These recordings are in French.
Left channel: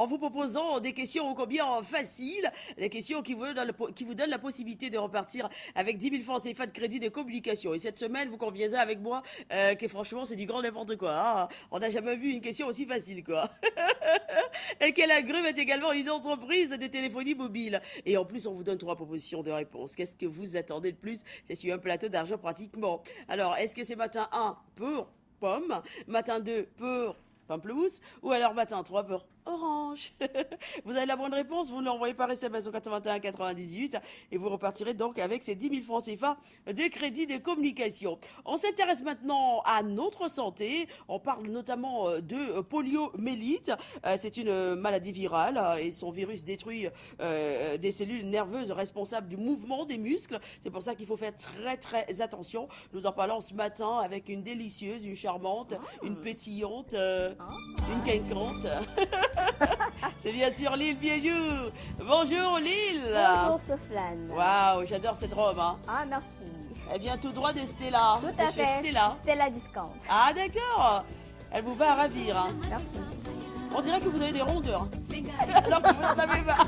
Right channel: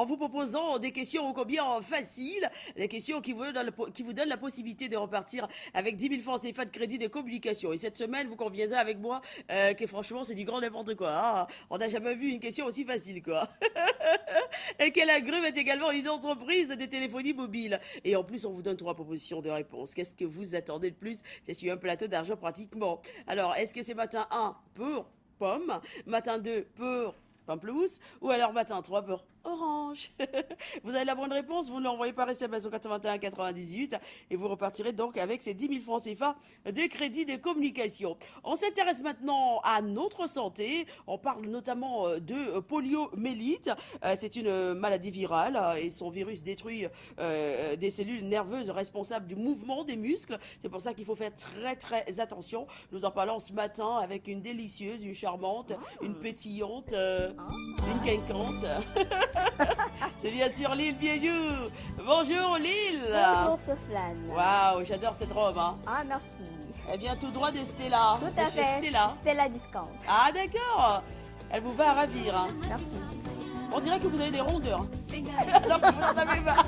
en vous proposant des questions ô combien faciles, des questions qui vous donnent la possibilité de repartir avec 10 000 francs CFA de crédit de communication. Et cette semaine, vous conviendrez avec moi que franchement, c'est du grand n'importe quoi. Ah, on n'a jamais vu une question aussi facile, quoi. Et qu'elle agrume est également une entreprise de téléphonie mobile. Et en plus, on vous donne 3 propositions de réponse. Qu'est-ce que vous attendez de plus? C'est sur un plateau d'argent pratiquement. Alors, est-ce que c'est matin 1 pour pomme, matin 2 pour pamplemousse, ou alors matin 3 pour orange? Vous avez la bonne réponse, vous l'envoyez par SMS au 81 98 et vous repartirez donc avec ces 10 000 francs CFA de crédit de communication. On s'intéresse maintenant à notre santé. On parle notamment de poliomyélite. C'est une maladie virale et son virus détruit des cellules nerveuses responsables du mouvement des muscles. C'est pour ça qu'il faut faire très attention. Nous en parlons ce matin avec une délicieuse, une charmante, une pétillante, une quelconque. C'est bien sûr Lille Biéjou. Bonjour Lille. Bonjour Soflane. Waouh, j'adore cette robe. Hein. Ah, merci. Elle vient tout droit de Stella. Tout de à chez fait. Stella. Stella Discount. Ah d'accord. Elle vous va à ravir. Hein. Merci. On dirait que vous avez des rondeurs. Alors que vous n'en avez pas.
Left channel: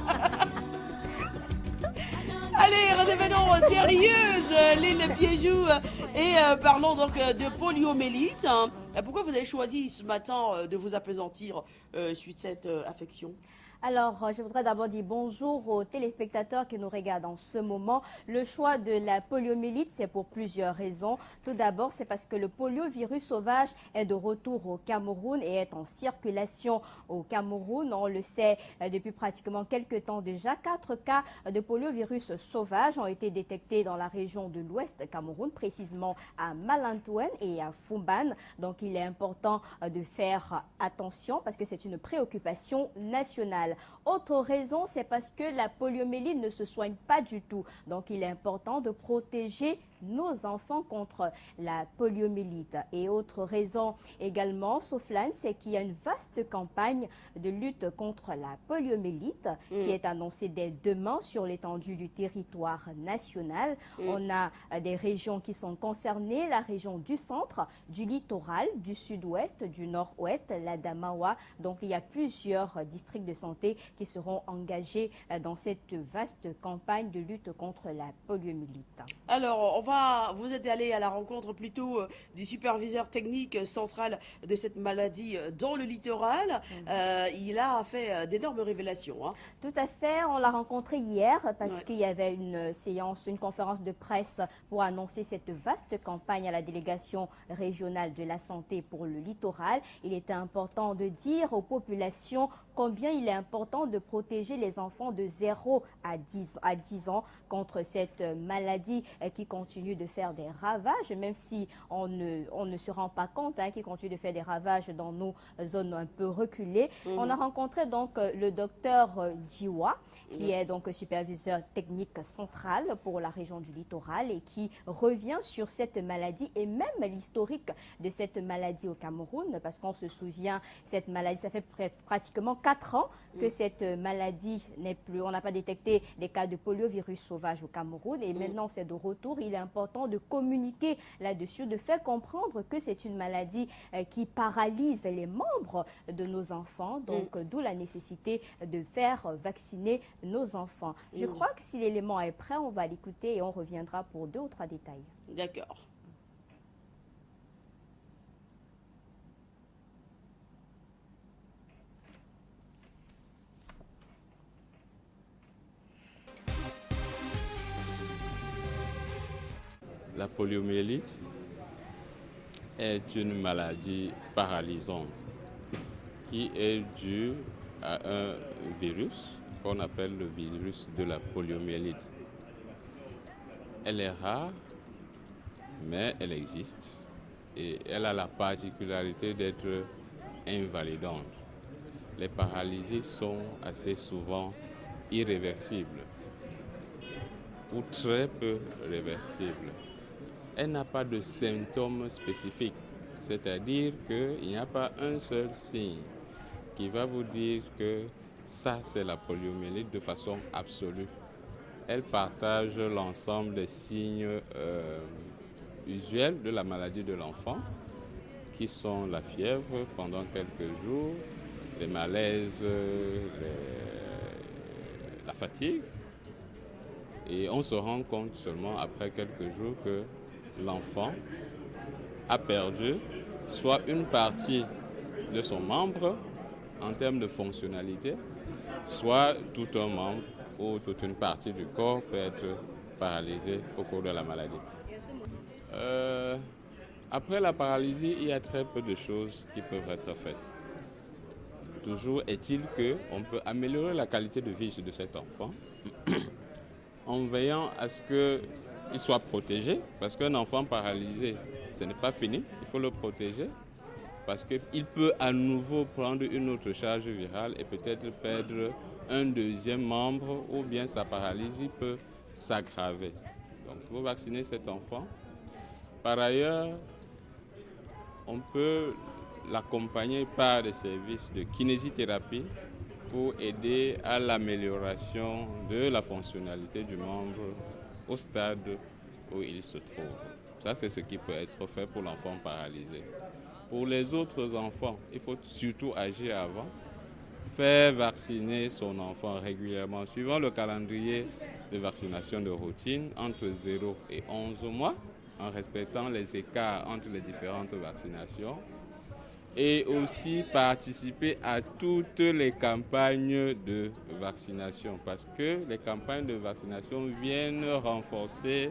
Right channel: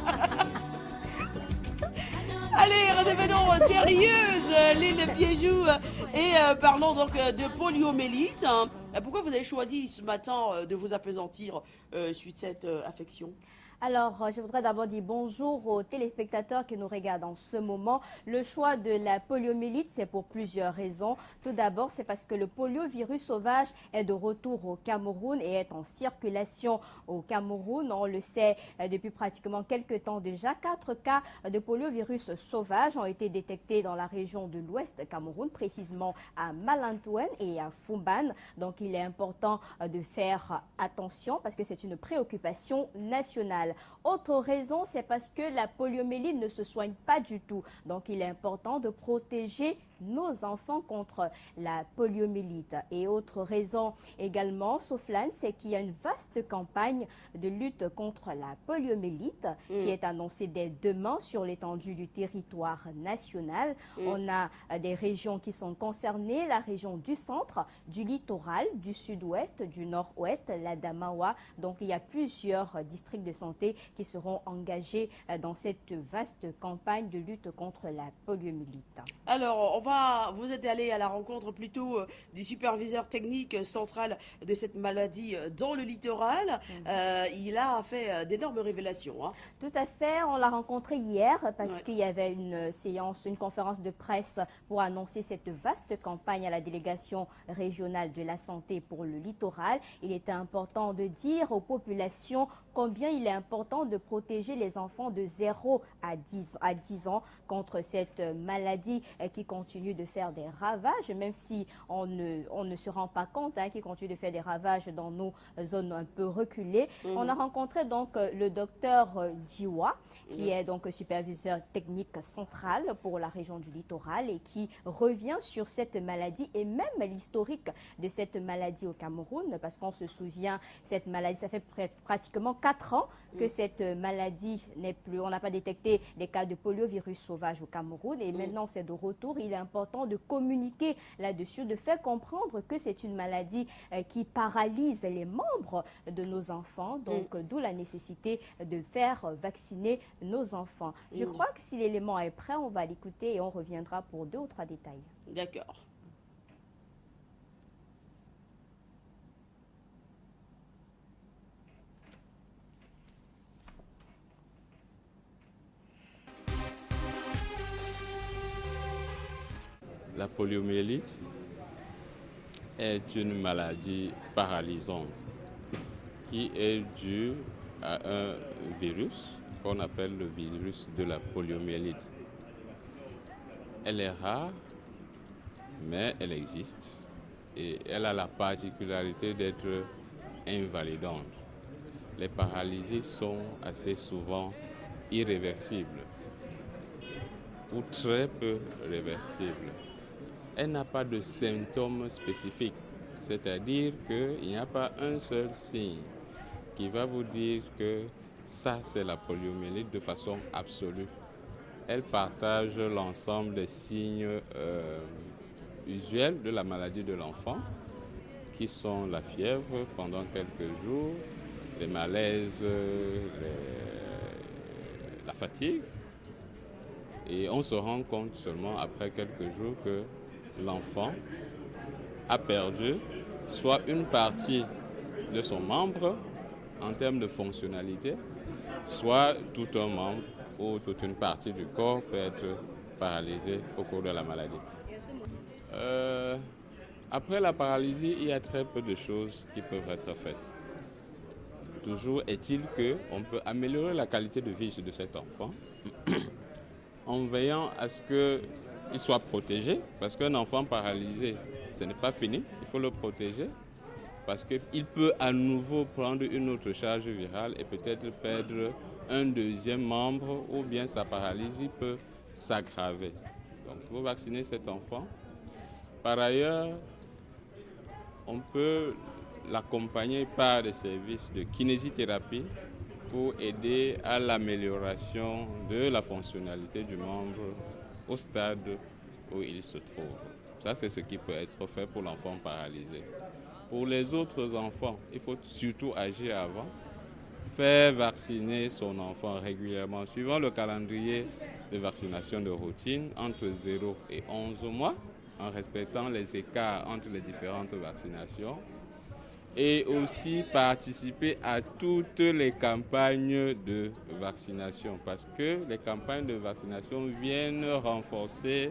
Allez, redevenons sérieuses, Lille Biéjou. Et parlons donc de poliomyélite. Pourquoi vous avez choisi ce matin de vous appesantir suite à cette affection? Alors, je voudrais d'abord dire bonjour aux téléspectateurs qui nous regardent en ce moment. Le choix de la poliomyélite, c'est pour plusieurs raisons. Tout d'abord, c'est parce que le poliovirus sauvage est de retour au Cameroun et est en circulation au Cameroun. On le sait depuis pratiquement quelques temps déjà. 4 cas de poliovirus sauvage ont été détectés dans la région de l'Ouest Cameroun, précisément à Malantouen et à Fumban. Donc, il est important de faire attention parce que c'est une préoccupation nationale. Autre raison, c'est parce que la poliomyélite ne se soigne pas du tout. Donc, il est important de protéger nos enfants contre la poliomyélite. Et autre raison également, Soflane, c'est qu'il y a une vaste campagne de lutte contre la poliomyélite qui est annoncée dès demain sur l'étendue du territoire national. On a des régions qui sont concernées, la région du centre, du littoral, du sud-ouest, du nord-ouest, la Damawa. Donc, il y a plusieurs districts de santé qui seront engagés dans cette vaste campagne de lutte contre la poliomyélite. Alors, vous êtes allé à la rencontre plutôt du superviseur technique central de cette maladie dans le littoral. Il a fait d'énormes révélations. Hein. Tout à fait, on l'a rencontré hier parce qu'il y avait une séance, une conférence de presse pour annoncer cette vaste campagne à la délégation régionale de la santé pour le littoral. Il était important de dire aux populations combien il est important de protéger les enfants de 0 à 10 ans contre cette maladie qui continue de faire des ravages, même si on ne se rend pas compte, qui continue de faire des ravages dans nos zones un peu reculées. On a rencontré donc le docteur Diwa, qui est donc superviseur technique central pour la région du littoral et qui revient sur cette maladie et même l'historique de cette maladie au Cameroun, parce qu'on se souvient, cette maladie, ça fait pratiquement 4 ans que cette maladie n'est plus, on n'a pas détecté des cas de poliovirus sauvage au Cameroun et maintenant c'est de retour. Il est important de communiquer là-dessus, de faire comprendre que c'est une maladie qui paralyse les membres de nos enfants, donc d'où la nécessité de faire vacciner nos enfants. Je crois que si l'élément est prêt, on va l'écouter et on reviendra pour 2 ou 3 détails. D'accord. La poliomyélite est une maladie paralysante qui est due à un virus qu'on appelle le virus de la poliomyélite. Elle est rare, mais elle existe et elle a la particularité d'être invalidante. Les paralysies sont assez souvent irréversibles ou très peu réversibles. Elle n'a pas de symptômes spécifiques, c'est-à-dire qu'il n'y a pas un seul signe qui va vous dire que ça c'est la poliomyélite de façon absolue. Elle partage l'ensemble des signes usuels de la maladie de l'enfant, qui sont la fièvre pendant quelques jours, les malaises, la fatigue. Et on se rend compte seulement après quelques jours que l'enfant a perdu soit une partie de son membre en termes de fonctionnalité, soit tout un membre ou toute une partie du corps peut être paralysée au cours de la maladie. Après la paralysie, il y a très peu de choses qui peuvent être faites. Toujours est-il qu'on peut améliorer la qualité de vie de cet enfant en veillant à ce qu'il soit protégé, parce qu'un enfant paralysé, ce n'est pas fini, il faut le protéger, parce qu'il peut à nouveau prendre une autre charge virale et peut-être perdre un deuxième membre, ou bien sa paralysie peut s'aggraver. Donc il faut vacciner cet enfant. Par ailleurs, on peut l'accompagner par des services de kinésithérapie pour aider à l'amélioration de la fonctionnalité du membre au stade où il se trouve. Ça, c'est ce qui peut être fait pour l'enfant paralysé. Pour les autres enfants, il faut surtout agir avant, faire vacciner son enfant régulièrement, suivant le calendrier de vaccination de routine entre 0 et 11 mois, en respectant les écarts entre les différentes vaccinations, et aussi participer à toutes les campagnes de vaccination, parce que les campagnes de vaccination viennent renforcer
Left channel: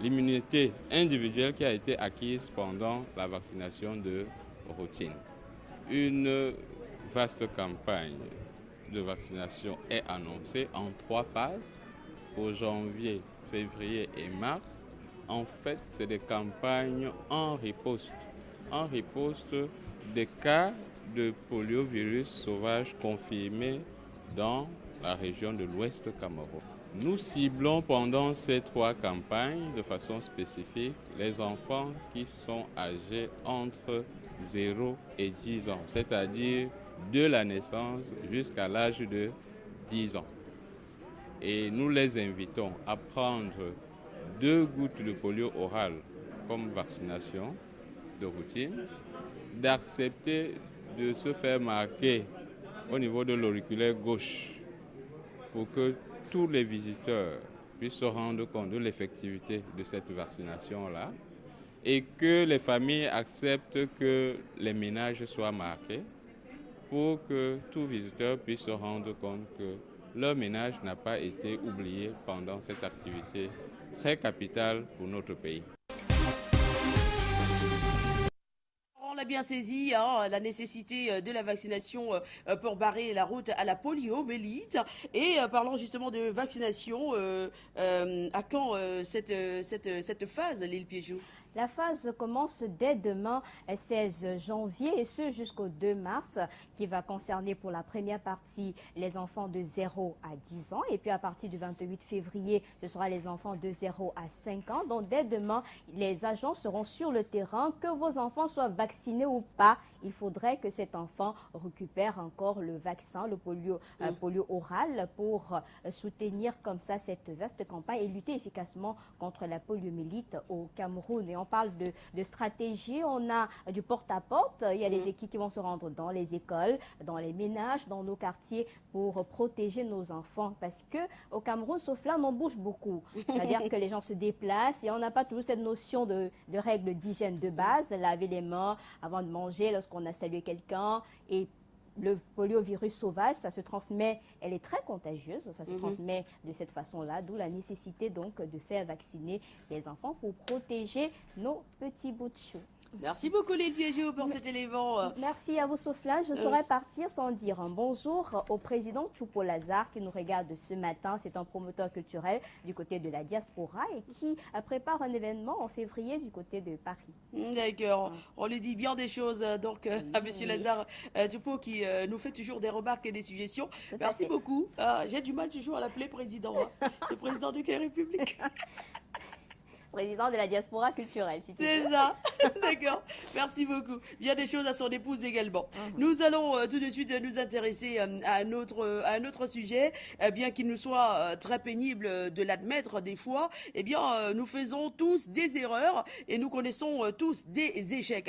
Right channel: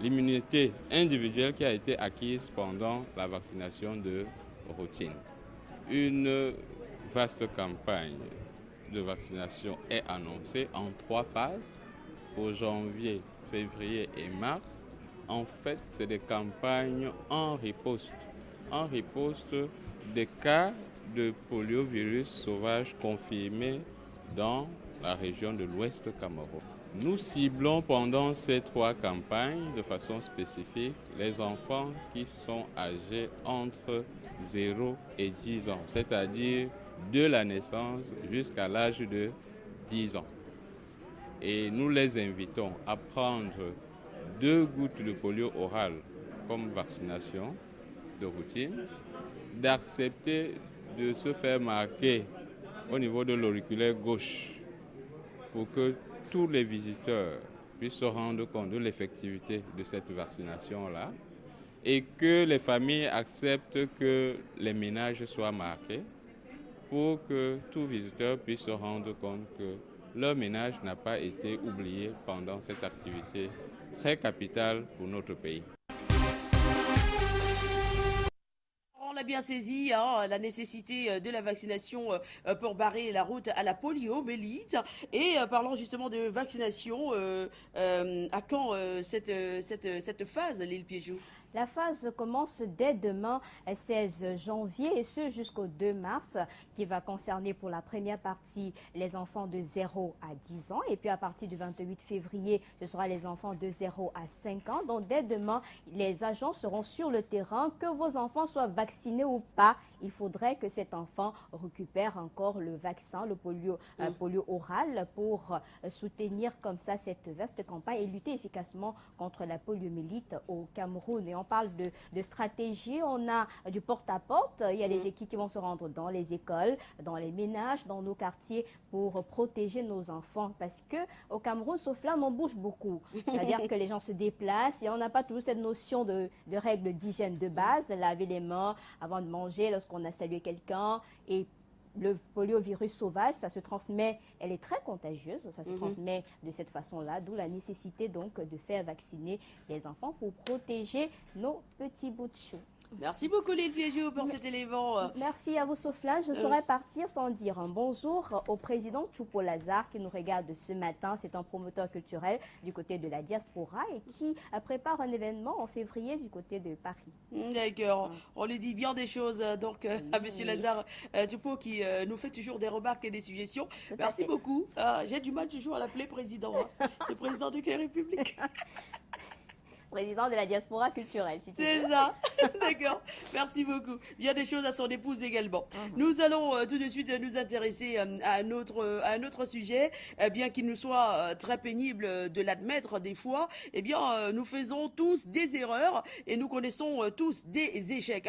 l'immunité individuelle qui a été acquise pendant la vaccination de routine. Une vaste campagne de vaccination est annoncée en 3 phases, pour janvier, février et mars. En fait, c'est des campagnes en riposte des cas de poliovirus sauvage confirmés dans la région de l'Ouest Cameroun. Nous ciblons pendant ces 3 campagnes de façon spécifique les enfants qui sont âgés entre 0 et 10 ans, c'est-à-dire de la naissance jusqu'à l'âge de 10 ans. Et nous les invitons à prendre 2 gouttes de polio oral comme vaccination de routine, d'accepter de se faire marquer au niveau de l'auriculaire gauche pour que tous les visiteurs puissent se rendre compte de l'effectivité de cette vaccination-là et que les familles acceptent que les ménages soient marqués pour que tout visiteur puisse se rendre compte que leur ménage n'a pas été oublié pendant cette activité très capitale pour notre pays. On a bien saisi la nécessité de la vaccination pour barrer la route à la poliomyélite. Et parlons justement de vaccination. À quand cette phase, Lille Piégeot? La phase commence dès demain, 16 janvier, et ce jusqu'au 2 mars, qui va concerner pour la première partie les enfants de 0 à 10 ans. Et puis à partir du 28 février, ce sera les enfants de 0 à 5 ans. Donc dès demain, les agents seront sur le terrain. Que vos enfants soient vaccinés ou pas, il faudrait que cet enfant récupère encore le vaccin, le polio oral, pour soutenir comme ça cette vaste campagne et lutter efficacement contre la poliomyélite au Cameroun. Et on parle de stratégie, on a du porte-à-porte, il y a des équipes qui vont se rendre dans les écoles, dans les ménages, dans nos quartiers pour protéger nos enfants. Parce que au Cameroun, sauf là, on bouge beaucoup. C'est-à-dire que les gens se déplacent et on n'a pas toujours cette notion de règles d'hygiène de base, laver les mains avant de manger lorsqu'on a salué quelqu'un. Et le poliovirus sauvage, ça se transmet, elle est très contagieuse, ça se transmet de cette façon-là, d'où la nécessité donc de faire vacciner les enfants pour protéger nos petits bouts de chou. Merci beaucoup Lille Piégeot pour cet élément. Merci à vous Sophia. Je saurais partir sans dire un bonjour au président Choupo Lazare qui nous regarde ce matin. C'est un promoteur culturel du côté de la diaspora et qui prépare un événement en février du côté de Paris. D'accord, on lui dit bien des choses donc à monsieur Lazare Choupo qui nous fait toujours des remarques et des suggestions. Merci beaucoup. J'ai du mal toujours à l'appeler président. Le président du Quai République. Président de la diaspora culturelle, si tu veux. C'est ça, d'accord. Merci beaucoup. Bien des choses à son épouse également. Nous allons tout de suite nous intéresser à un autre sujet, bien qu'il nous soit très pénible de l'admettre des fois. Eh bien, nous faisons tous des erreurs et nous connaissons tous des échecs.